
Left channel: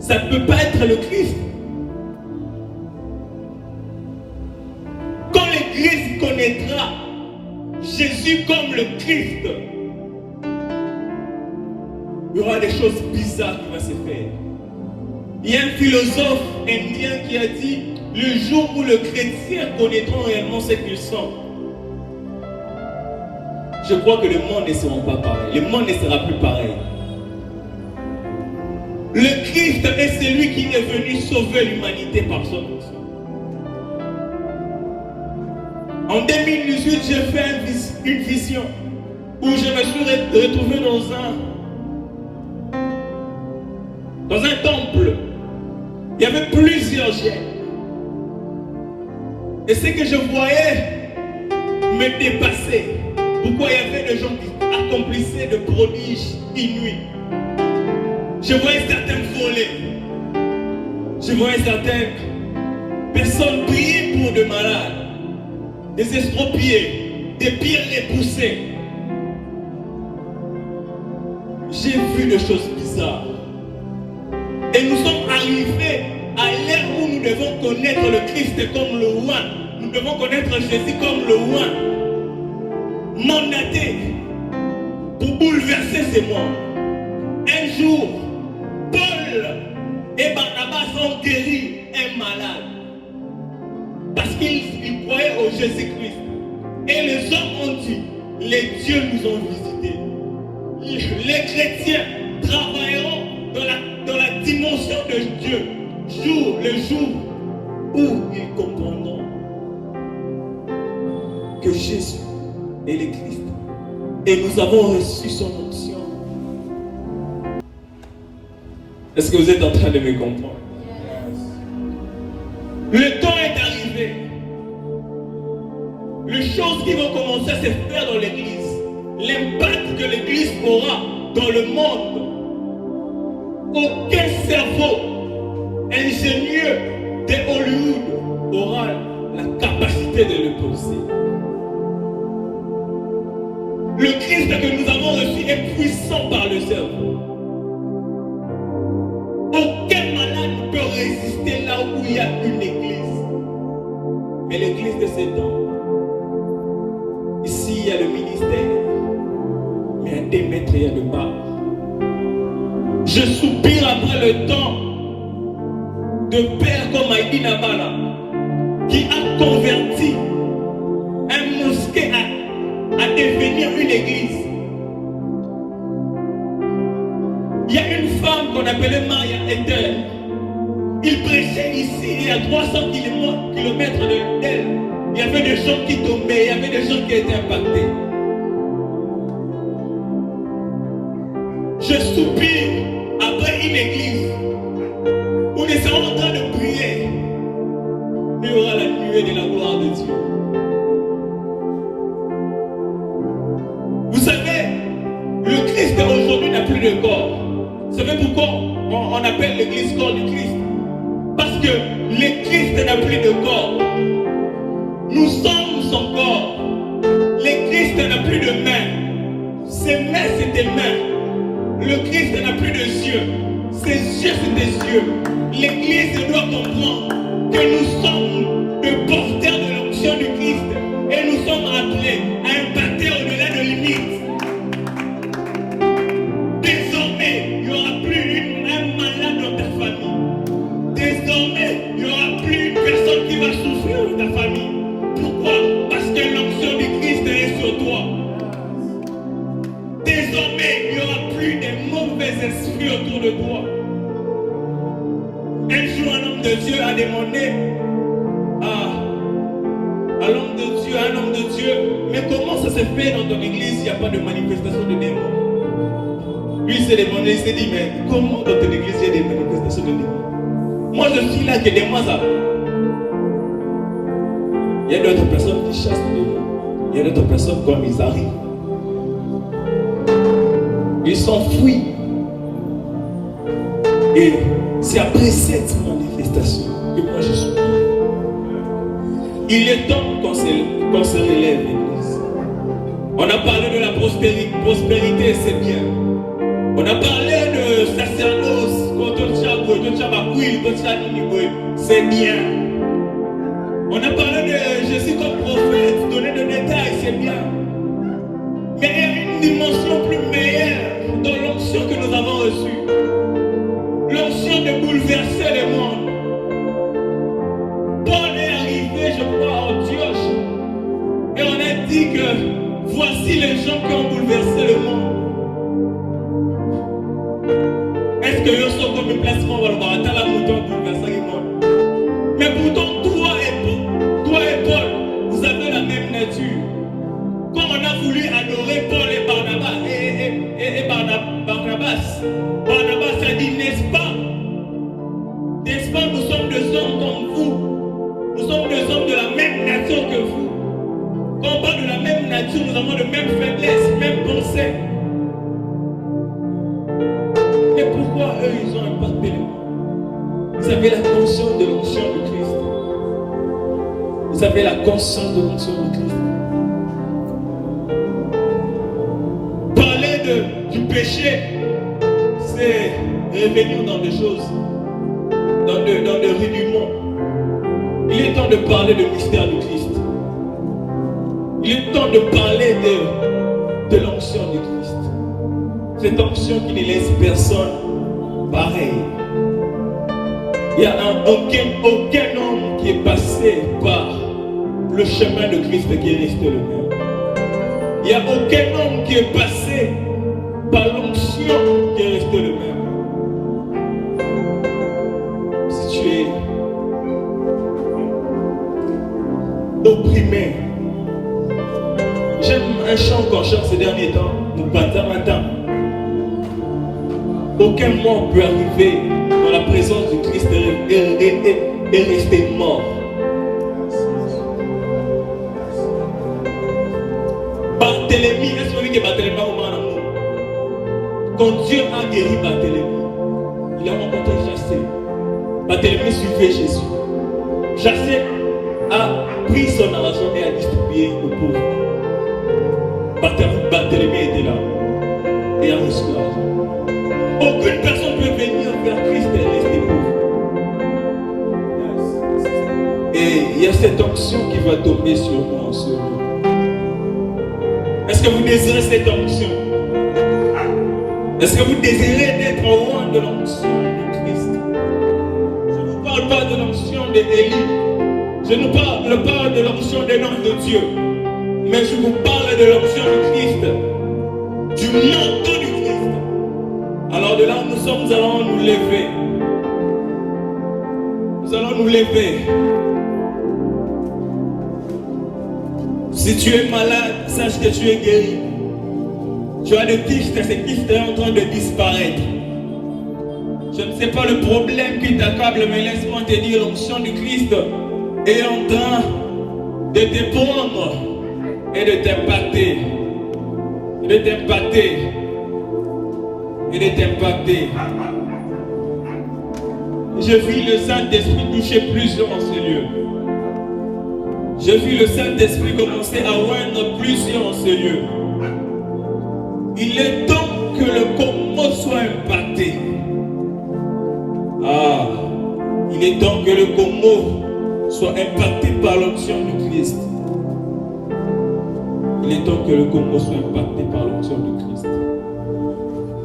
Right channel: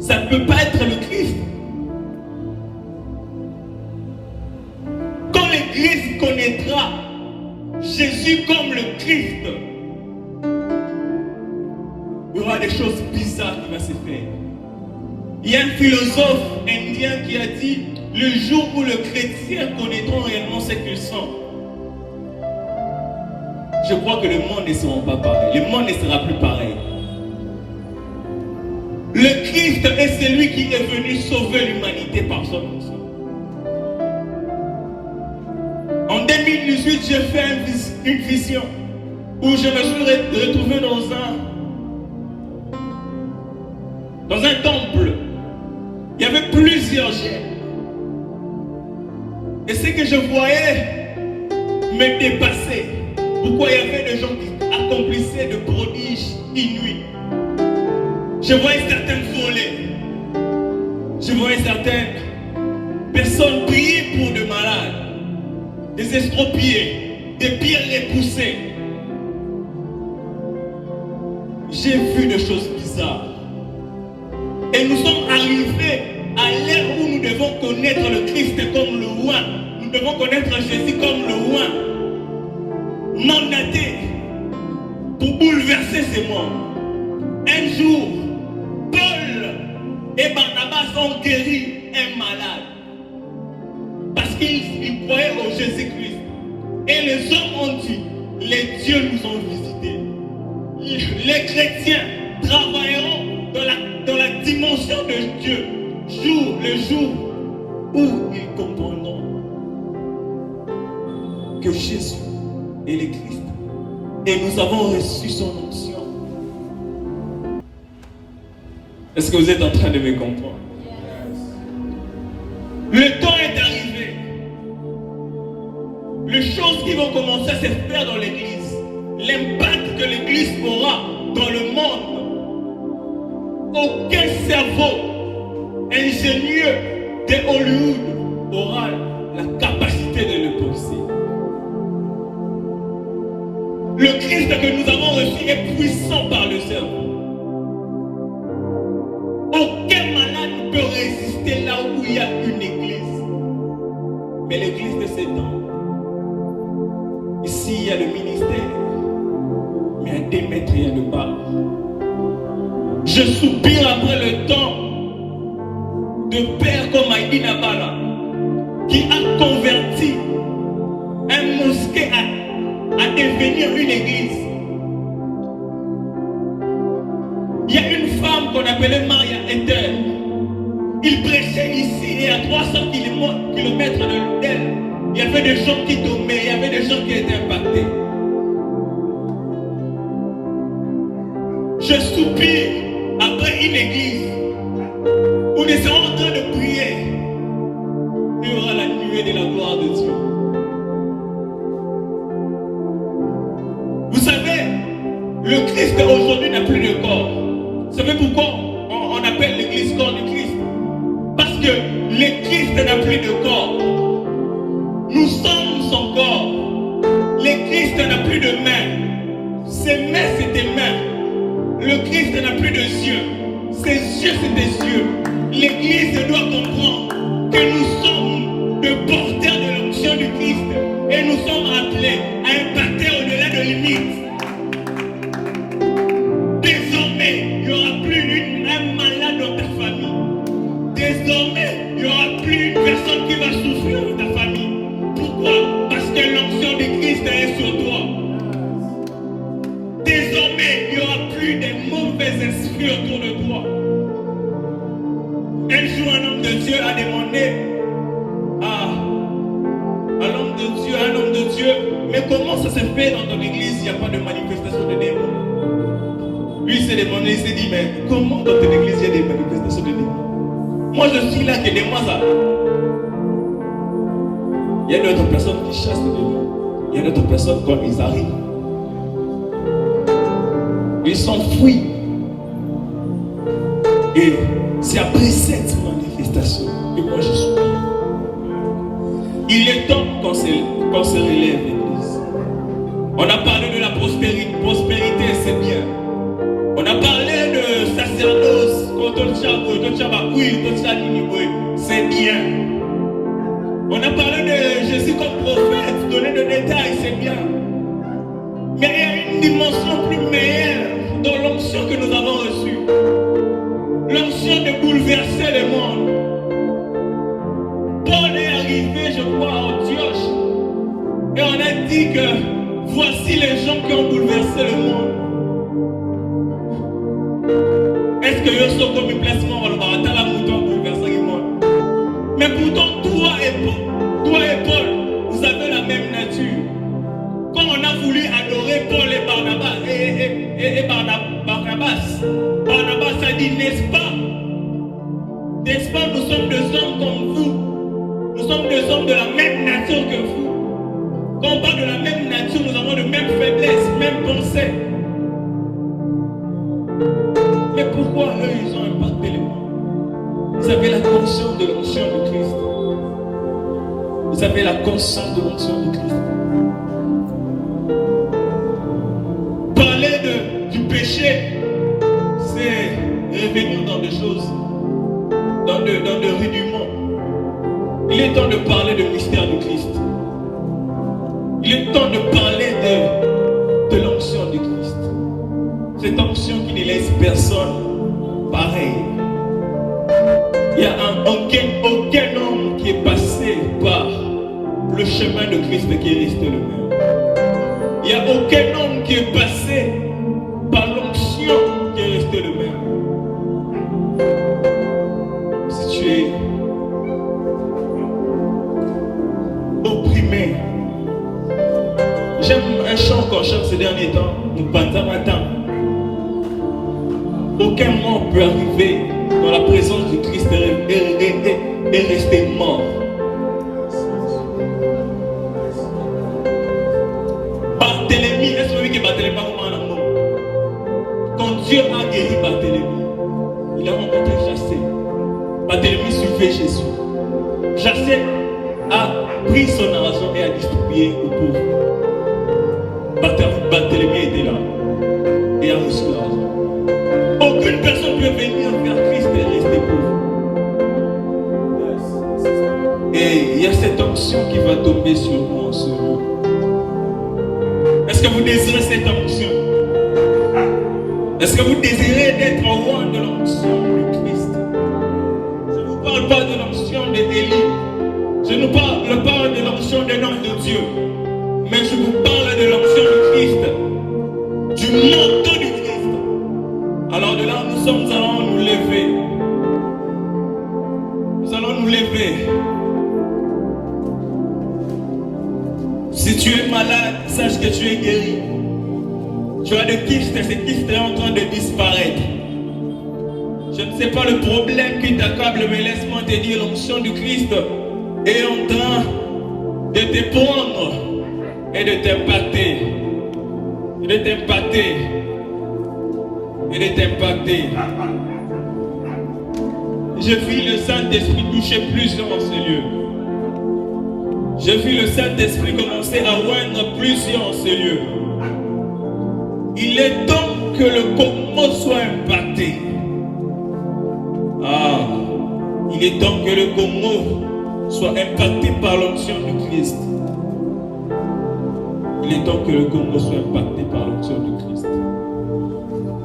Ça ne peut pas être le Christ. Quand l'Église connaîtra Jésus comme le Christ, il y aura des choses bizarres qui vont se faire. Il y a un philosophe indien qui a dit, le jour où les chrétiens connaîtront réellement ce qu'ils sont, je crois que le monde ne sera pas pareil. Le monde ne sera plus pareil. Le Christ est celui qui est venu sauver l'humanité par son onction. En 2018, j'ai fait une vision où je me suis retrouvé dans un temple. Il y avait plusieurs jets. Et ce que je voyais me dépassait. Pourquoi il y avait des gens qui accomplissaient de prodiges inouïs. Je voyais certaines volées. Je voyais certaines personnes prier pour des malades, des estropiés, des pierres repoussées. J'ai vu des choses bizarres. Et nous sommes arrivés à l'ère où nous devons connaître le Christ comme le roi. Nous devons connaître Jésus comme le roi. Mandaté pour bouleverser ces mondes. Un jour, Paul et Barnabas ont guéri un malade. Parce qu'ils croyaient au Jésus-Christ. Et les hommes ont dit, les dieux nous ont visités. Les chrétiens travailleront dans la dimension de Dieu, le jour où ils comprendront que Jésus est le Christ. Et nous avons reçu son onction. Est-ce que vous êtes en train de me comprendre? Le temps est arrivé. Les choses qui vont commencer à se faire dans l'église, l'impact que l'église aura dans le monde, aucun cerveau ingénieux de Hollywood aura la capacité de le penser. Le Christ que nous avons reçu est puissant par le cerveau. Aucun malade ne peut résister là où il y a une église. Mais l'église de ces temps, ici il y a le ministère, mais à 2 mètres il y a le bas. Je soupire après le temps de père comme Aïdi Nabala, qui a converti un mosquée à devenir une église. Il y a une femme qu'on appelait Maria Ether. Il prêchait ici et à 300 km d'elle. Il y avait des gens qui tombaient, il y avait des gens qui étaient impactés. Je soupire après une église où nous sommes en train de prier. Il y aura la nuée de la gloire de Dieu. Vous savez, le Christ aujourd'hui n'a plus de corps. Vous savez pourquoi on appelle l'église corps du Christ? Parce que le Christ n'a plus de corps. Nous sommes son corps. Le Christ n'a plus de mains. Ses mains, c'est des mains. Le Christ n'a plus de yeux. Ses yeux, c'est des yeux. L'église doit comprendre que nous sommes des porteurs de l'onction du Christ. Et nous sommes appelés à impacter au-delà de limites. Désormais, il n'y aura plus un malade dans ta famille. Désormais, il n'y aura plus une personne qui va souffrir dans ta famille. Pourquoi? Parce que l'onction du Christ est sur toi. Désormais, il n'y aura plus de mauvais esprits autour de toi. Un jour, un homme de Dieu a demandé à l'homme de Dieu, mais comment ça se fait dans ton église, il n'y a pas de manifestation de démons? Lui, il s'est demandé, il s'est dit, mais comment dans ton église, il y a des manifestations de démons? Moi, je suis là que des mois ça. Il y a d'autres personnes qui chassent les démons. Il y a d'autres personnes, quand ils arrivent, ils s'enfuient. Et c'est après cette manifestation que moi je suis. Il est temps qu'on se relève, l'église. On a parlé de la prospérité, c'est bien. On a parlé de sacerdoce, c'est bien. On a parlé de Jésus comme prophète, donner des détails, c'est bien. Mais il y a une dimension plus meilleure dans l'onction que nous avons reçue. L'onction de bouleverser le monde. Paul est arrivé, je crois, à Antioche. Et on a dit que voici les gens qui ont bouleversé le monde. Est-ce que le sont comme un placement va bouleverser le monde? Mais pourtant, toi et Paul, vous avez la même voulu adorer Paul et Barnabas. Barnabas a dit, n'est-ce pas, nous sommes des hommes comme vous. Nous sommes des hommes de la même nature que vous. Quand on parle de la même nature, nous avons de mêmes faiblesses, mêmes pensées. Mais pourquoi eux, ils ont impacté les gens? Vous avez la conscience de l'onction de Christ. Vous avez la conscience de l'onction de Christ. Parler du péché, c'est revenir dans des choses, dans des rudiments. Il est temps de parler du mystère du Christ. Il est temps de parler de l'onction du Christ. Cette onction qui ne laisse personne pareil. Il n'y a aucun homme qui est passé par le chemin de Christ qui est resté le même. Il n'y a aucun homme qui est passé par l'onction qui est resté le même. Si tu es opprimé, j'aime un chant qu'on chante ces derniers temps, nous matin. Aucun mort peut arriver dans la présence du Christ et rester mort. Barthélemy, est-ce que vous Barthélemy quand Dieu a guéri Barthélemy, il a rencontré Jassé. Barthélemy suivait Jésus. Jassé a pris son argent et a distribué aux pauvres. Barthélemy était là et a reçu l'argent. Aucune personne ne peut venir vers Christ et rester pauvre. Et il y a cette onction qui va tomber sur nous en ce jour. Est-ce que vous désirez cette onction? Est-ce que vous désirez d'être loin de l'onction du Christ? Je ne vous parle pas de l'onction d'Élie. Je ne parle pas de l'onction des noms de Dieu. Mais je vous parle de l'onction du Christ. Du manteau du Christ. Alors de là où nous sommes, nous allons nous lever. Nous allons nous lever. Si tu es malade, sache que tu es guéri. Tu as des kystes et ces kystes sont en train de disparaître. Je ne sais pas le problème qui t'accable, mais laisse-moi te dire, l'onction du Christ est en train de te prendre et de t'impacter. Et de t'impacter. Et de t'impacter. Je vis le Saint-Esprit toucher plusieurs en ce lieu. Je vis le Saint-Esprit commencer à oindre plusieurs en ce lieu. Il est temps que le Congo soit impacté. Il est temps que le Congo soit impacté par l'onction du Christ. Il est temps que le Congo soit impacté par l'onction du Christ.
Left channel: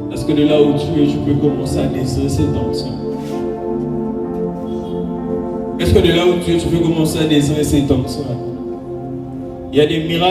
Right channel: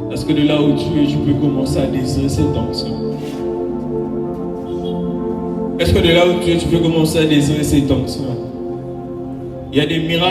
Parce que de là où tu es, tu peux commencer à désirer cette onction. Est-ce que de là où tu es, tu peux commencer à désirer cette onction? Il y a des miracles.